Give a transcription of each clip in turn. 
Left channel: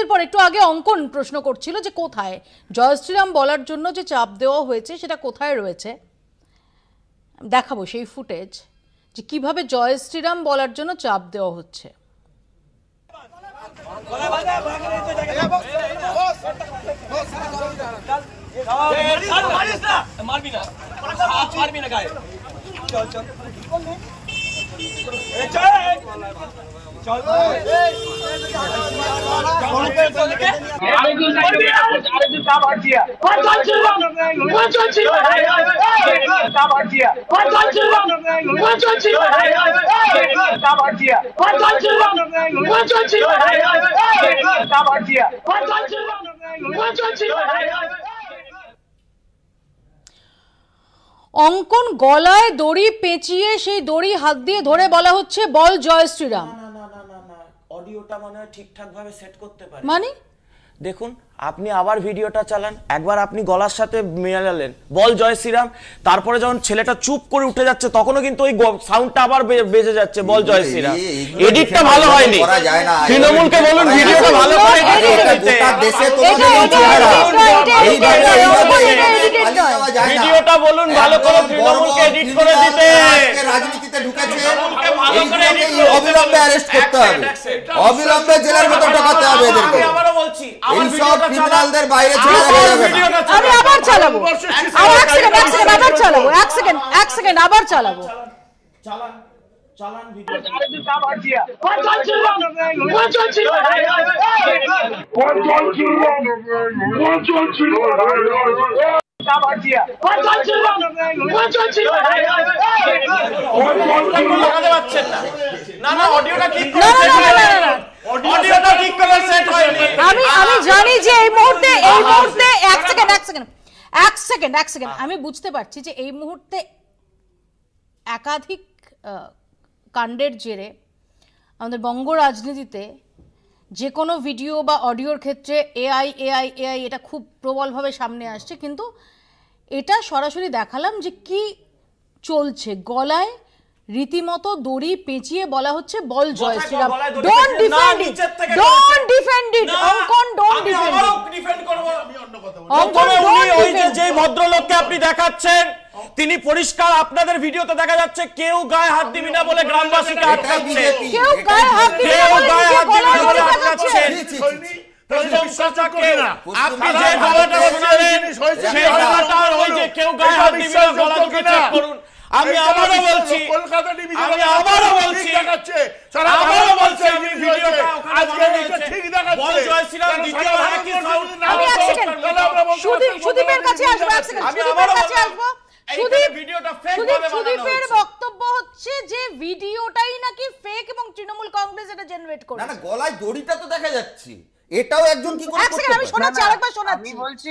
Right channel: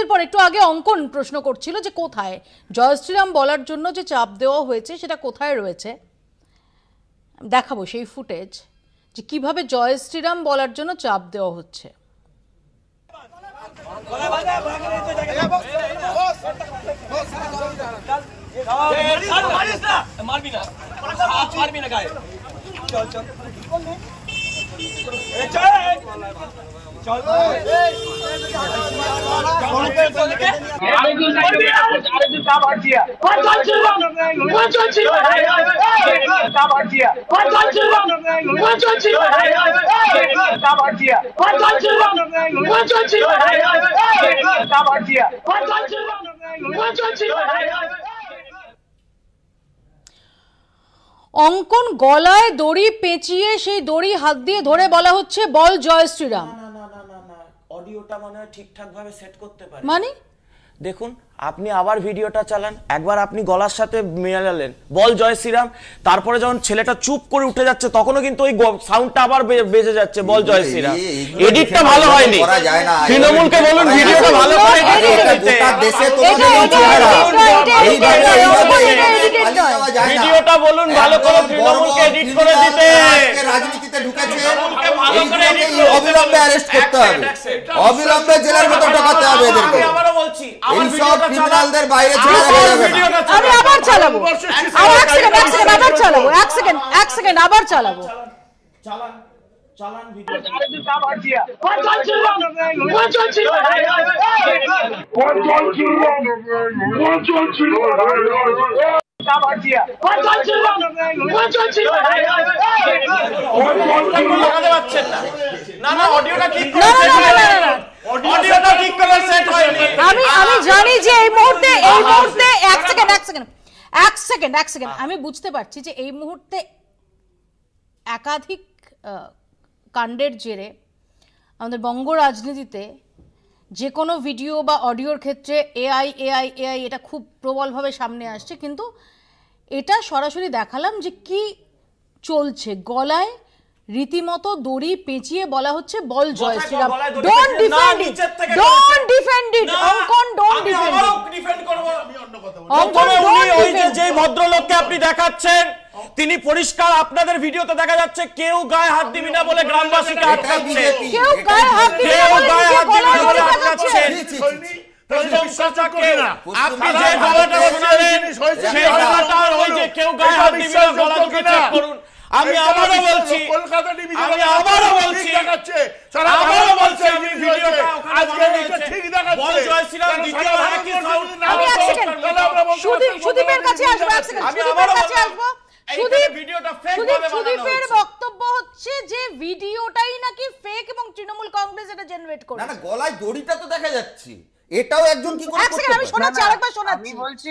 বিরতির পর একটু আগে অঙ্কন প্রশ্ন করছিল যে কোথায় জয় শ্রীরাম বলার জন্য যে চাপ দেওয়া হয়েছে সেটা কোথায় রয়েছে, দেখাবো সেই ফুটেজ যে কিভাবে জয় শ্রীরাম বলার জন্য চাপ দেওয়া হচ্ছে। অঙ্কন গলায় দড়ি পেঁচিয়ে সেই দড়ি হাত দিয়ে ধরে বলা হচ্ছে বল জয় শ্রীরাম। অডিওটা মনে হয় ঠিকঠাক ভাবে সেট করতে পারে। মানে দেখুন আপনি আবার ভিডিওটা চালান, একবার আপনি গলার সাথে মেলালেন বল জয় শ্রীরাম, তারপরে যখন ছেলেটা চুপ করে উঠে যাচ্ছে তখনও কিন্তু ওই সাউন্ডটা আবার বেজে যাচ্ছে বল জয় শ্রীরাম। এডিটটা ভালো হয়নি, তৃণমূলকে বলুন ভিডিওটা ভালো করে ভিডিওটা বলুন ভালো করে তৃণমূলকে এডিট করে দিতে। রাজনীতিতে ঢুকেছে, অবিলম্বে অ্যারেস্ট করতে হবে, অবিলম্বে জেলার মতো ঢোকাতে হবে এদেরকে। আবারও বলছি এইসব ক্রিমিনালদের বাইরে ছেড়ে দেওয়া যাবে না। আমি আবার চালাবো, এক সেকেন্ড আবার চালাবো, এক সেকেন্ড আবার চালাবো। চালান ভিডিও আমি জানি যে এই মুহূর্তে এক সেকেন্ড আমি বুঝতে পারছি যে এই মুহূর্তে একাধিক কাণ্ডের জেরে আমাদের বঙ্গ রাজনীতিতে যে কোনো ভিডিও বা অডিওর ক্ষেত্রে এআই এটা খুব প্রবলভাবে সামনে আসছে, কিন্তু এটা সরাসরি দেখালাম যে কি চলছে। গলায় রীতিমতো দড়ি পেঁচিয়ে বলা হচ্ছে বল জয় শ্রীরাম। ডোন্ট ডিফেন্ড ইট, অঙ্কন ডোন্ট ডিফেন্ড ইট। যে ভদ্রলোককে আপনি দেখাচ্ছেন তিনি পরিষ্কার আপনাদের ভিডিওতে দেখা যাচ্ছে কেউ গায়ে হাত দিবি না বলে গ্রামবাসীকে আটকাচ্ছে, কেউ গায়ে হাত দিবি না বলে আটকাচ্ছে। আপনি যে গলাটা শোনালেন সেই গলাটা ওই যে কেউ গায়ে হাত দিবি না গলা দুটো চেক করুন। আমি আবারও বলছি সুদীপের কাছে আসবো। সুদীপের বক্তব্য হচ্ছে যে ভিডিওটাই নাকি ফেক এবং তৃণমূল কংগ্রেস এটা জেনারেট করে। না গলায় দড়িটা তো দেখা যাচ্ছে, এটাও একজন কি করে করতে পারে? আমি শোনাচ্ছি, আরেকবার শোনাচ্ছি। আমি বলছি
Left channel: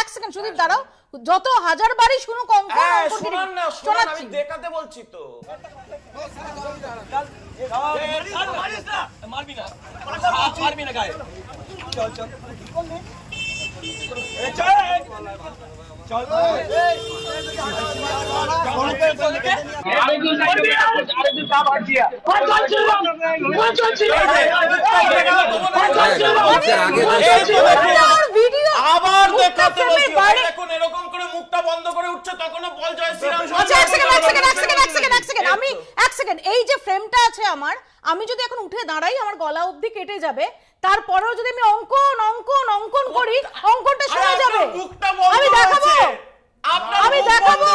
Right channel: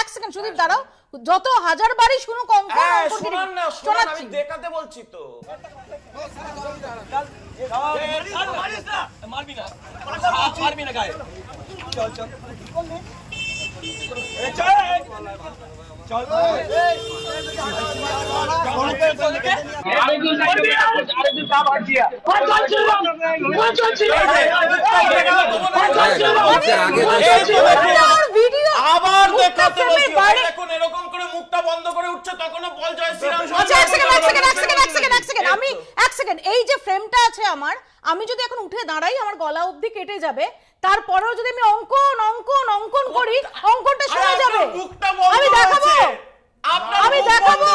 এক সেকেন্ড সুদীপ দাঁড়াও, যত হাজার বারই শুনুক অঙ্কন আমি দেখাতে বলছি তো। মারবি না গায়ে, এরকম করে মুখটা বন্ধ করে উঠছে তখন বল জয় শ্রীরাম। এই যে ফ্রেমটা আছে আমার, আমি যদি এখন উঠে দাঁড়াই আমার গলা অবধি কেটে যাবে, তারপরেও যদি আমি অঙ্কন করি অঙ্কনটা শোনা যাবে। আমি দেখাবো।